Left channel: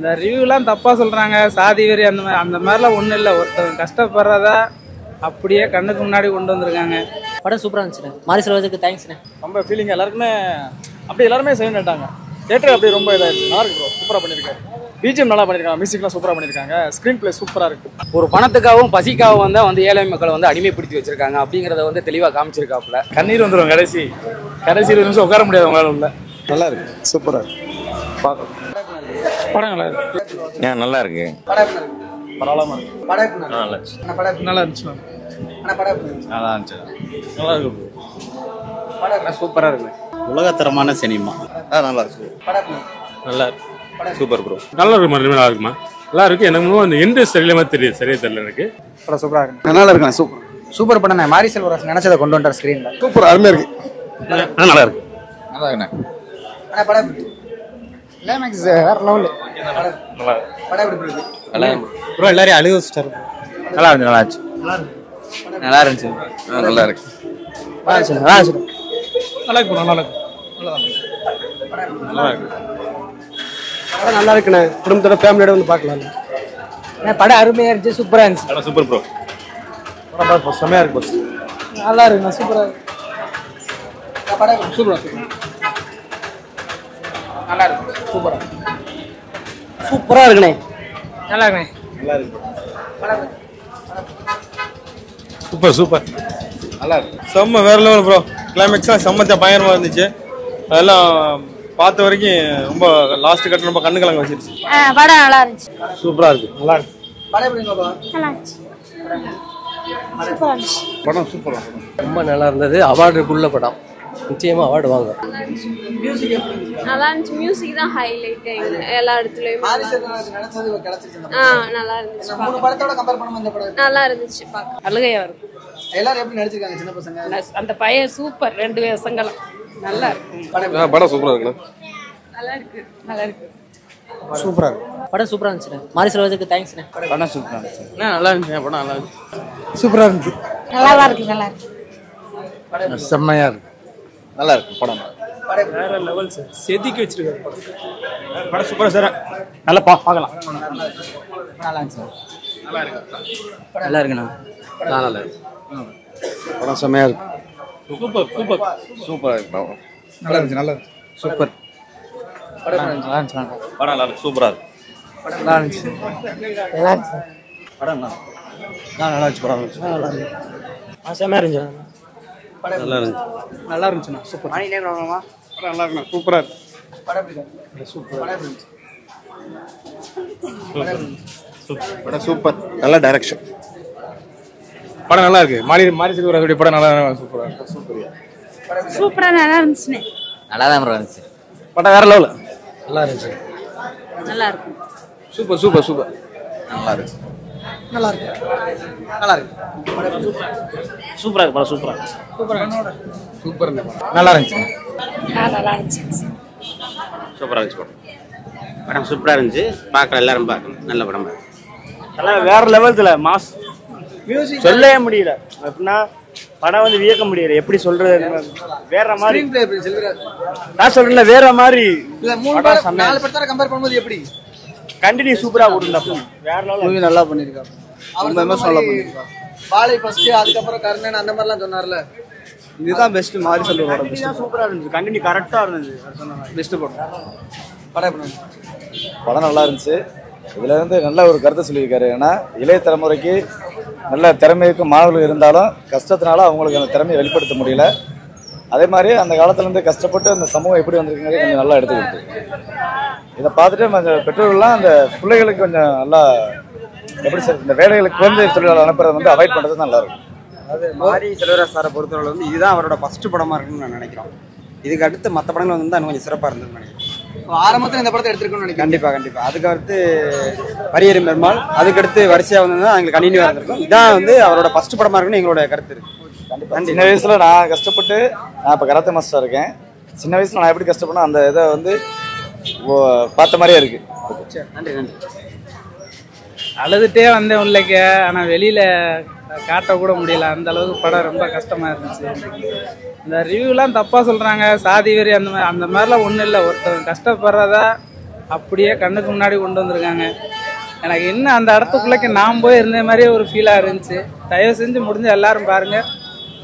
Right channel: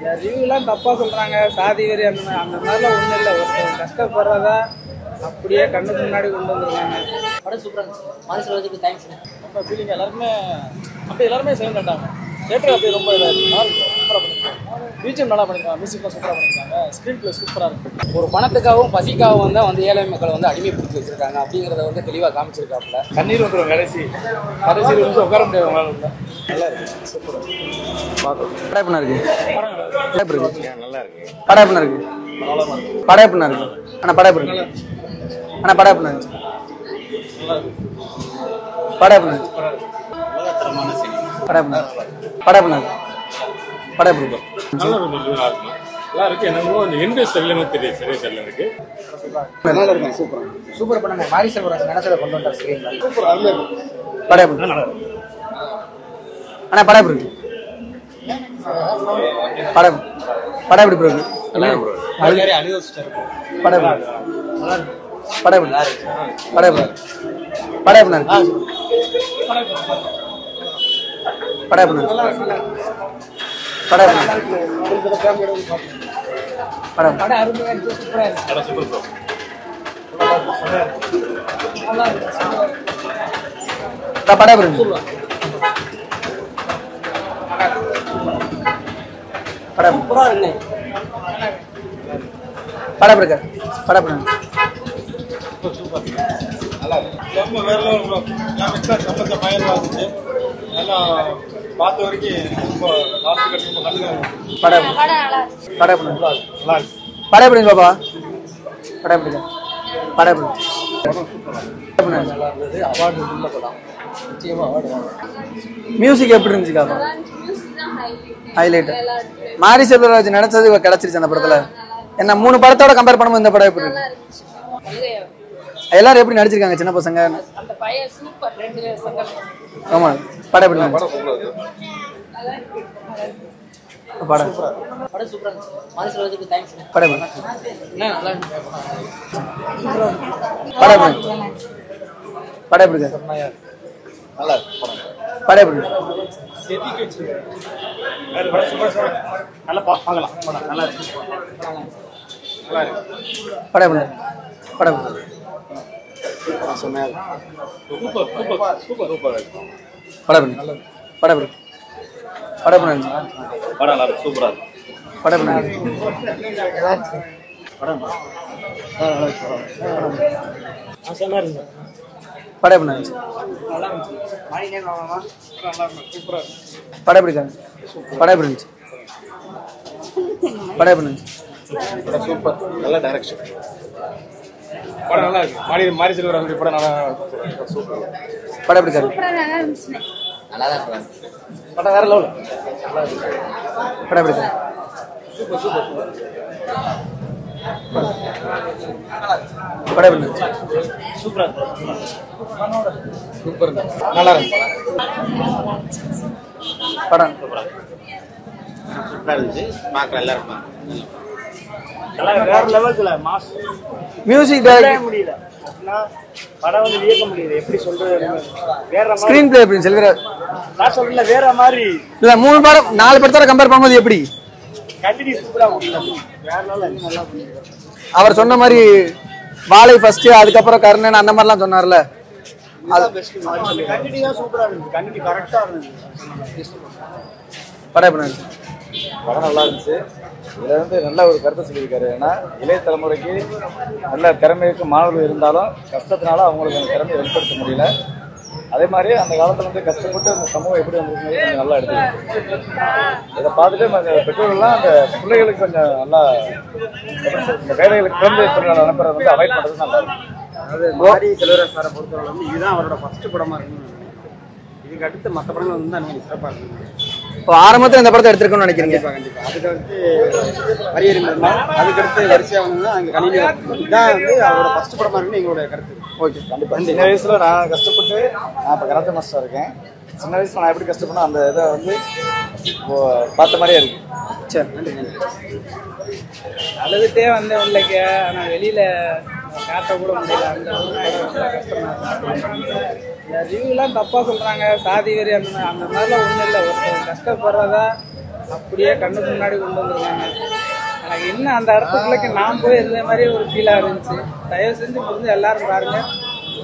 இந்த ரிவ்யூலாம் தப்பா சொல்றாங்க, சாதி வெறி அந்த மாதிரிலாம் ஒன்றும் இல்லை. ஒருத்தர் கஷ்டப்படுறதா அப்படியே கண்ணுக்கு முன்னாடி கொண்டு வந்திருக்காங்க. படம் சூப்பராக இருந்துச்சுண்ணே. மாரி செல்வராஜுக்கு தேங்க்ஸ்ண்ணே. ரொம்ப ஃபீலிங் எல்லாருக்குமே அப்படி எல்லாருமே செய்யணுட்டாங்க. தேட்டர் அப்படி ரொம்ப இதாக இருக்குது. நல்லா இருக்கும், சூப்பராக பண்ணியிருக்காங்க. பிஜிஎம் நல்லா பண்ணியிருக்காங்க, மியூசிக்லாம் சூப்பராக பண்ணியிருக்காங்க, ஸ்க்ரீன் பிளே சூப்பராக இருக்குது. ஒரு பணத்துக்காகவும் பசிக்காகவும் தான் ஏழை மக்களை அடிமைப்படுத்தி வச்சிருக்காங்க அப்படிங்கிறத தெளிவாக காமிச்சிருக்காப்புல. கண்ணீர் வந்துடும் கடைசி நிமிஷம் உட்கார முடியாது மேலே உள்ள. நல்லா இருக்கு, சூப்பராக இருக்கு. படம் இருக்கு. படம் நல்லா இருக்கு. நல்லா இருக்கு. படம் இருக்கு. படம் எப்படி இருக்கு? ஆனால் படம் எப்படி நல்லா இருந்துச்சு. ஆனால் படம் எப்படி இருந்துச்சு? நல்லா இருந்துச்சு. நல்லா இருக்கும். படம் எப்படி சூப்பராக இருக்குது. உலகத்தரமான சினிமா. படம் நல்லா இருக்கு. படம் எப்படி இருக்கு? நல்லா இருக்கு. படம் சூப்பர் ப்ரோ. நல்லா இருக்குமா? நல்லா இருக்குமா? நல்லா இருக்கு. என்னமோ அந்த எண்டு சரியில்லாம தெரியுது, சரியா தெரியல எனக்கு. படம் சூப்பராக இருக்கு. நல்லா இருக்கு. சூப்பர் சூப்பர் படம். மாரி செல்வராஜ் நினைச்சதை கொண்டு வந்தார் ஸ்கிரீன்ல. சூப்பர், அருமையா இருக்கு. படம் எப்படி? நல்லா இருக்கு. நல்லா இருக்கு. ஆனால் படம் எப்படி இருக்கு? படம் படம் எப்படி இருக்கு? எல்லாரையும் அழுக வச்சுட்டாரு. படம் நல்லா இருக்கு. நல்லா இருந்துச்சு. படம் நல்லா இருந்துச்சு. நல்லா இருக்கு. படம் எப்படி? நல்லா இருக்கு. நல்லா இருக்கு. நல்லா இருக்கு. படம் எப்படி? படம் நல்லா இருக்குண்ணே. குடும்பத்தோட ஃபேமிலியோட வந்து பார்க்கலாம். படம் அருமையா இருந்துச்சு, சூப்பரா இருந்துச்சு. Super bro. படம் செம்மையா இருக்கு. நல்லா இருக்கு, சூப்பரா இருக்கு. படம் எப்படி? சூப்பரா நல்லா இருக்கு. சூப்பரா படம் சூப்பரா இருக்குண்ணே. நல்லா இருக்குண்ணே. நல்லா இருக்கு. படம் எப்படி இருக்கு? படம் எப்படி? Super super. நல்லா இருக்கு. செம்ம வேற லெவல் ப்ரோ. கிளைமேக்ஸாக செம்மத்தியா பயங்கரமாக இருந்துச்சு. அதெல்லாம் பார்த்த வரைக்கும் ரொம்ப லாஸ்ட் கட்ட ரொம்ப கண்ணு கலங்க வச்சிருச்சு. படம் நல்லா இருந்துச்சு. படம் சூப்பராக இருக்கு. நல்லா இருக்கு. படம் எப்படி பாப்பா? நல்லா இருந்துச்சு. படம் எப்படி? படம் எப்படி? படம் சூப்பராக ரொம்ப நல்லா இருந்தது. அவார்டுக்குள்ள படம், நிச்சயமா அவார்டு வாங்க. மியூசிக் எப்படி இருந்துச்சு? நல்லா இருந்துச்சு. மியூசிக் தான் Highlight. ஹைலைட். எல்லா இடத்துலயும் மாரி செல்வராஜ் நினைச்சது கிடைச்சிருச்சு அந்த படத்துல. நல்லா இருந்துச்சு. என்ன 3 படத்தோட கம்பேர் பண்ணும்போது இந்த படம் எப்படி? நல்லா இருந்துச்சு. பார்க்க அழுகையா வரும். எல்லாரும் எப்படி நடிச்சிருக்காங்க சின்ன பசங்க? அந்த பையன் சூப்பர். 2 வேஷங்களும் ஆமா. படம் எப்படி? படம் சூப்பராக இருக்கு. நல்லா இருக்கு. நல்லா இருக்கு. படம் சூப்பரா இருக்கு. படம் சூப்பரா இருந்துச்சு. மாரி செல்வராஜுக்கு தேங்க்ஸ்ண்ணே. படம் சூப்பரா இருந்துச்சு. நல்லா இருந்துச்சு. படம் நல்லா இருக்கு. சூப்பரா இருந்துச்சு. நல்லா இருக்கு. நல்லா இருக்கு. படம் எப்படி? செம்மையா இருக்கு. நல்லா இருக்கு படம். படம் எப்படி? செதுக்கி வச்சிருக்காரு. படம் சூப்பரா சார். நல்லா பார்க்கலாம். படம் நல்லா இருக்கு. நல்லா இருந்துச்சு. நல்லா இருக்கு. படம் எப்படி இருக்குண்ணா? படம் நல்லா இருக்கு. படம் செம்மையா இருக்கு. சூப்பர் சூப்பர் சூப்பர் சூப்பரா இருக்கு. படம் எப்படி? நல்லா இருக்கு. படம் எப்படி? படம் எப்படி இருந்துச்சு? படம் நல்லா சூப்பரா இருக்கு. படம் எப்படி? நல்லா இருந்துச்சு. நல்லா இருந்துச்சு. படம் நல்லா இருந்துச்சு. படம் செம்மையா இருந்துச்சு. படம் எப்படி இருந்துச்சு? நல்லா இருந்துச்சு. சூப்பர். நல்லா இருக்கு. சூப்பரா இருக்கு. படம் எப்படி இருக்காங்க? படம் எப்படி இருந்துச்சு? படம் எப்படி இருந்துச்சு? படம் சூப்பர். நல்ல டைரக்ஷன். படம் நல்லா இருக்கு. மாரி செல்வராஜுடைய படம் நல்லா சூப்பரா இருக்கு. சூப்பர். படம் எப்படி இருக்காங்க? சூப்பரா நல்லா இருந்துச்சுனே. நல்லா தான் இருந்துச்சு. படம் வேற லெவல். நல்லா இருந்துச்சு. படம் எப்படி நல்லா இருக்கு? இருக்கு. Super super super. நல்லா இருக்கு. நல்லா இருக்கு. படம் எப்படி இருந்துச்சு? சூப்பரா இருக்கு. படம் சூப்பரா இருக்கு. சூப்பர். நல்லா இருந்துச்சு. நல்லா இருந்துச்சு. படம் சூப்பரா இருந்துச்சு. படம் சூப்பரா இருந்துச்சு. பார்க்கலாம், எல்லாரும் பார்க்கணும். நல்ல படம். நல்லா வேற லெவல்ல மாஸ். மியூசிக் சொல்லவே முடியல. அப்படின்னா படம் வியக்க முடியல. எப்படி சொல்றது? வேற மாதிரி. ஸ்கிரீன் பிளே எப்படி? செல்வராஜ் நான் சொல்றேன்ல வேற மாதிரி. இல்ல 3 படம் 4 படத்தோட கம்பேர் பண்ணும்போது எப்படி? கண்டினியூ சூப்பரா கொடுத்தாங்க. வேற லெவல். மூவி நல்லா பண்ணிருக்காங்க. அவர் சொன்ன மாதிரி வாழை ஃபர்ஸ்ட், அதுக்கப்புறம் கர்ணன் அந்த மாதிரிலாம் சொன்னார்ல. இதுதான் பெஸ்ட். மாரி செல்வராஜ் கண்டினியூ சூப்பரா இருந்துச்சு. கண்டினியூ கரெக்டா இருந்துச்சு. பெஸ்ட் படம். படம் எப்படி இருந்துச்சு? படம் நல்லா இருந்துச்சு. இதில் நல்ல ஒரு கருத்தை சொல்லியிருக்காரு. ஏன்னா இளைய தலைமுறைக்கு நல்ல திறமை இருக்கும் மாணவர்கள் இருந்தாலும் கஷ்டத்தினால அவங்களுக்கு அந்த திறமையை வெளிப்படுத்த முடியல. அதே மாதிரி அந்த காலத்துலேருந்து கஷ்டப்பட்டு அந்த சமூகம் எப்படி வந்திருக்குங்கிறது கொஞ்சம் நல்லா எடுத்துக்கிட்டு இதை பார்த்துட்டு அந்த பெற்றோர்கள்லாம் அந்த பிள்ளைகளுக்கு கொஞ்சம் நல்லா எப்படி சொல்றது, இந்த வேலைகளுக்கு குழந்தை தொழிலாளர் அனுப்புறது அவாய்ட் பண்ணுறது நல்லா இருக்கும். அதாவது மாரி செல்வராஜ் சாரை பொறுத்தவரை இதுதான் அவரோட ஃபர்ஸ்ட் படமா இருக்குன்னு நான் நினைக்கிறேன். இதுக்கு அடுத்து மற்ற படங்கள் இன்னும் கொஞ்சம் சிறப்பாக இருந்தது நினைக்கிறேன். இப்போ ஆரம்பத்தில் இந்த படத்தை எடுத்துருக்கணும்னு நினைக்கிறேன். கண்டிப்பா. அதுக்கு அடுத்து பரியேறு பெருமாள், அதுக்கடுத்து வரிசையாக வந்து எங்களுக்கு கண்டினியூ இருக்கும். இதான் அவரோட ஃபர்ஸ்ட் படமா இருக்குன்னு எங்களோட கருத்து. ஓகே, கண்டிப்பாக. சின்ன வயசில் நான் கஷ்டப்பட்டு நான் இப்போ கராத்தே மாஸ்டராக இருக்கேன். சின்ன வயசில் நான் எப்படி கஷ்டப்படணும் அந்த இதை பார்த்த மாதிரியே இருக்கு. சரி, நன்றி. அழுதுட்டே வந்தேன் உள்ளக்க. ஆனால் வெளியில் காட்டக்கூட முடியல. அந்த அளவுக்கு படம் ரொம்ப கஷ்டமாக இருந்துச்சு. இந்த ரிவ்யூலாம் தப்பாக சொல்கிறாங்க, சாதி வெறி அந்த மாதிரிலாம் ஒன்றும் இல்லை. ஒருத்தர் கஷ்டப்படுறதா அப்படியே கண்ணுக்கு முன்னாடி கொண்டு வந்திருக்காங்க. எனக்கு என்ன அந்த இடத்துக்குள்ளக்கு நான் போய் இருந்த மாதிரியே ஒரு ஃபீலாக இருந்துச்சு. தயவு செஞ்சு முடிஞ்ச எல்லாரும் பாருங்க.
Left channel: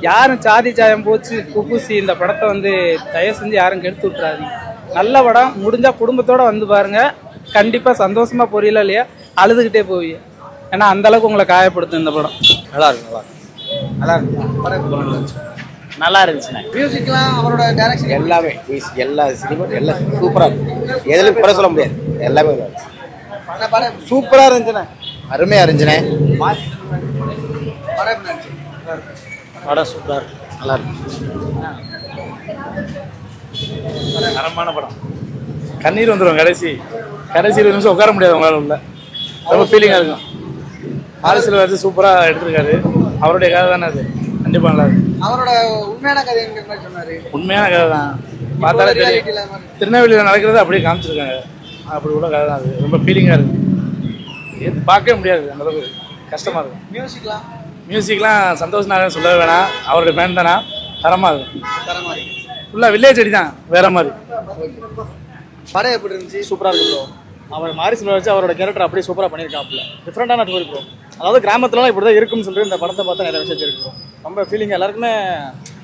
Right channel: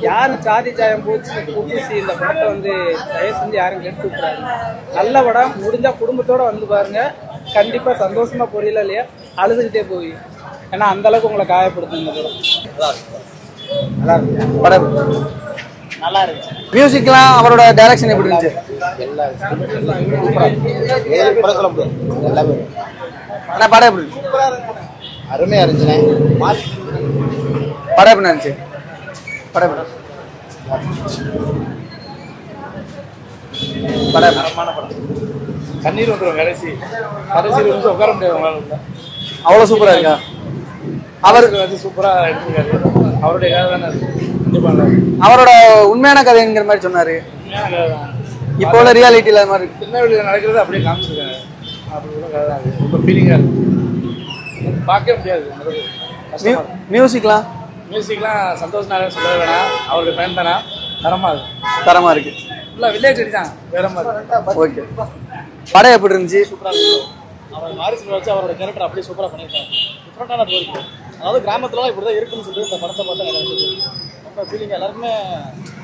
யாரும் சாதி சாயம் போச்சு புகுசி இந்த படத்தை வந்து தயவு செஞ்சு யாரும் கெடுத்து விட்டுறாதீங்க. நல்ல படம், முடிஞ்சா குடும்பத்தோட வந்து பாருங்க. கண்டிப்பா சந்தோஷமா பொரியல இல்லையா அழுதுகிட்டே போவீங்க. ஏன்னா அந்த அளவுக்கு உங்களை காயப்படுத்தும் இந்த படம். நல்லா இருக்கு, நல்லா இருக்கு படம். நல்லா இருந்துச்சுண்ணே. மியூசிக்லாம் அவரோட டைரக்ஷன் எப்படி எல்லாமே எல்லாம் சூப்பரா எதுல குறை சொல்ல முடியாது. எல்லாமே ஆனா படம் எப்படி சூப்பரா இருந்துச்சுண்ணே. அருமையா இருந்துச்சுண்ணே. படம் எப்படி இருந்துச்சு? படம் சூப்பரா நல்லா இருந்துச்சு. படம் தரமான படம். கண்ணீர் வந்துடும் கடைசி நிமிஷம் உட்கார முடியாது உங்களால உள்ள. அவ்வளோ ஃபீலிங் இருக்கா? அவர் வந்து சூப்பரா எடுத்துருக்காரு. அவருடைய கதை தானே அது. கண்டிப்பா நல்லா இருக்கு. அவரோட உண்மையான கதைங்கிற மாதிரி சொன்னாரு. உண்மையான கதை தான். இப்போ உள்ள ரியாலிட்டியில மாதிரி திருநெல்வேலியில் நடக்கிறது அப்படியே காமிச்சிருக்காங்க. அப்படி உள்ள கதை தான். ரொம்ப ஃபீலிங்கா இருக்கு. பார்க்கவே முடியாது அந்த அளவுக்கு கஷ்டமா இருக்கும். மியூசிக்லாம் சந்தோஷ் நாராயணன் சொல்லவே வேணாம். அவருக்கு ஃபேன் தானா தரமா இருக்கு. ஃபுல்லா வில்லேஜ் அடி தான் வேற மாதிரி. ஓகே, படம் எப்படி இருந்துச்சு? சூப்பரா இருக்கு. அவர் மாரி செல்வராஜ் வச்சு அவரோட கேரக்டர் அப்படியே சூப்பரா பண்ணியிருக்காப்புல. டிஃப்ரெண்டான ரோல் இருக்கும். அதாவது கிராமத்துலலாம் இப்படி தான் இருக்கும்னு சொல்லிட்டு இந்த படத்தை பார்த்தா நிறைய விஷயம் இருக்கு. ரொம்ப ஃபீலிங் எல்லாருக்குமே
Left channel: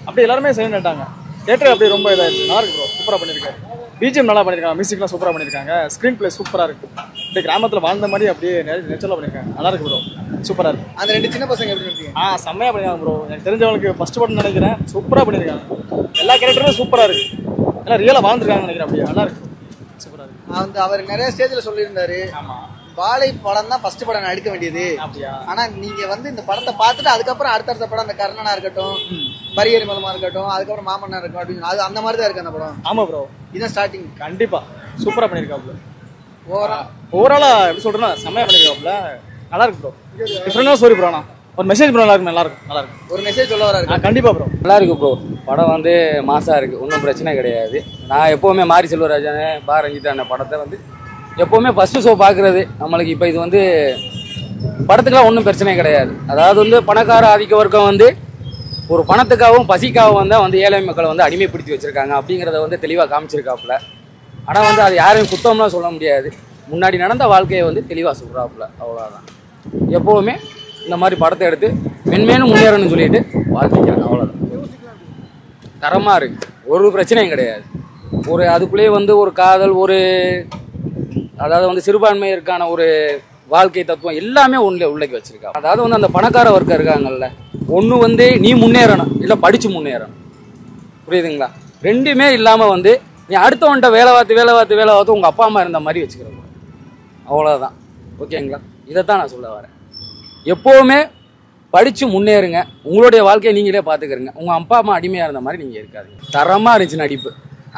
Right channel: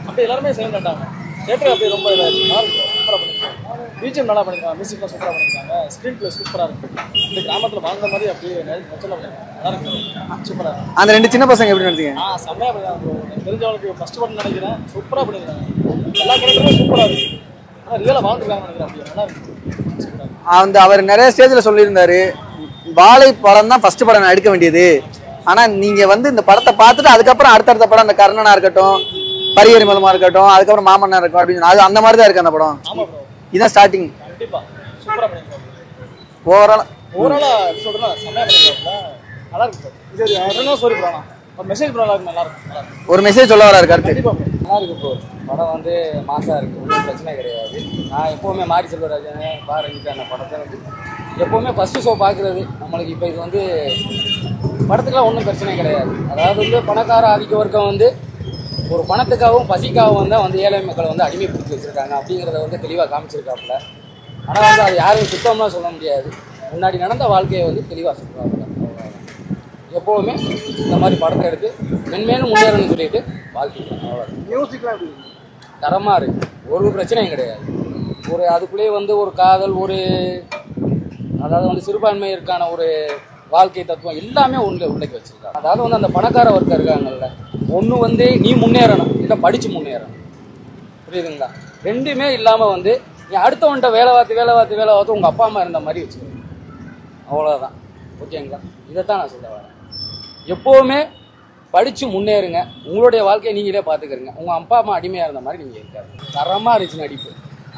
அப்படி எல்லாருமே செய்யணுட்டாங்க. தேட்டர் அப்படியே ரொம்ப இதாக இருக்கு. நல்லா இருக்கும், சூப்பராக பண்ணியிருக்காங்க. பிஜிஎம் நல்லா பண்ணியிருக்காங்க, மியூசிக்லாம் சூப்பராக பண்ணியிருக்காங்க, ஸ்க்ரீன் பிளே சூப்பராக இருக்கு. இந்த கிராமத்தில் வாழ்ந்த மாதிரி அப்படியே நேச்சுரலாக பண்ணியிருக்காங்க. நல்லா இருக்கு ப்ரோ, சூப்பராக இருக்கு. அந்த ரெண்டு சின்ன பசங்க எப்படி நடத்தீங்க? செம்மையாக பண்ணியிருக்காங்க ப்ரோ. எனக்கு தெரிஞ்சவங்களுக்கு ஃபர்ஸ்ட் படம் நினைக்கிறேன். சூப்பராக பண்ணியிருக்காங்க. எல்லா கேரக்டரும் சூப்பராக இருக்கு. எல்லாம் ரியலாக வாழ்ந்துருக்காங்கன்னு நினைக்கிறேன். அப்படியே நல்லா இருக்கு. அந்த அவர் நிறைய ஸ்டேஜ்ல சொல்லியிருந்தாரு, வாழை படம் தான் ஃபர்ஸ்ட் படம் நான் எடுக்க வேண்டியது. ஆனா நீங்க வந்து இந்த படத்தை பார்த்துட்டு அதுக்கப்புறம் அடுத்தடுத்த படம், அந்த கர்ணனா இருக்கட்டும், பரியரிமலமா இருக்கட்டும், அதுக்கப்புறம் மாமன்னா இருக்கும் அப்படின்னு அது அந்த மாதிரி தான் இருக்கு அந்த படம். ஆமா ப்ரோ, இதான் ஸ்டார்டிங். கண்டிப்பா சூப்பரா பண்ணிருக்காப்ல. ஓவராலா எப்படி சொல்றேன்னா செம்மையா பண்ணிருக்காப்ல. நல்லா இருக்கு ப்ரோ. என்ன ஸ்டோரி ப்ரோனா ஒரு மெசேஜ் ப்ரோ. நல்லா இருக்கு. ஒரு மெசேஜ் சொல்ல வர இருக்காரு. கண்டிப்பா ப்ரோ நல்லா இருக்கு ப்ரோ. படம் வந்து மாசா இருக்கு, ஒன்றும் பிரச்சனை கிடையாது. நான் எப்போவுமே மாரி செல்வராஜன் பாரஞ்சிட்டு அந்த படத்தை வந்து எப்போவுமே ஃபர்ஸ்ட் ஷோ பார்க்குறது நம்மளுக்கு. இப்போ இது வந்து படத்துக்கெல்லாம் ஒன்றும் பிரச்சனை கிடையாது. அதாவது வந்து பணக்கார ஆதிக்க வர்க்கம் வந்து ஒரு பணத்துக்காகவும் பசிக்காகவும் வந்து ஏழை மக்களை வந்து அடிமைப்படுத்தி வச்சுருக்காங்க அப்படிங்கிறத வந்து தெளிவாக காமிச்சிருக்காப்புல. ஆனால் வந்து அது யாரையும் குத்தம்லாம் சொல்ல முடியாது. முன்னாடி நடந்த வாழ்க்கையை வந்து தெளிவாக சொல்கிறாப்புல. அவ்வளோதான். எப்போவுமே இந்த மாதிரி படத்தை எடுத்து மென்மேலும் முன்னேறணும்னு சொல்லிட்டு வாழ்க்கைக்கிறாங்க. அவ்வளோதான். தரமாக இருக்குது, ஒரு பிரச்சனையும் கிடையாது. ஒரு அதுக்குள்ளேயே வந்து ஒரு காதல், ஒரு அதாவது வந்து சிறுபான்மையிற்கான ஒரு வாழ்க்கை தத்துவம் எல்லாமே உள்ளே வச்சிருக்காங்க. அதாவது வந்து அந்த பணக்கார வர்க்கம் இருக்காங்கல்ல, ஒன்று வந்து நீ முன்னேறணும், இல்லை படித்து முன்னேறணும். புரியுதுங்களா? ரெண்டுமே இல்லாமல் வந்து நீ அடுத்தவன்ட்ட வேலை பார்த்து உங்கள் அப்பா அம்மா இருந்த மாதிரி வச்சுக்கணும். அவ்வளோதான். ஓகேங்களா? இதைத்தான் நான் சொல்ல வரேன். எப்போவுமே படித்து முன்னேறுங்க. உங்களுடைய வாழ்க்கையை நீங்களே பார்த்துக்கிறங்க. உங்கள் அப்பா அம்மா அடிமையாக இருந்த மாதிரி நீங்கள் இருக்காது. தரமாக இருந்துச்சு நடிப்பு.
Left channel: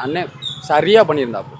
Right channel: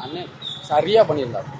அண்ணன் சரியாக பண்ணியிருந்தாப்போ.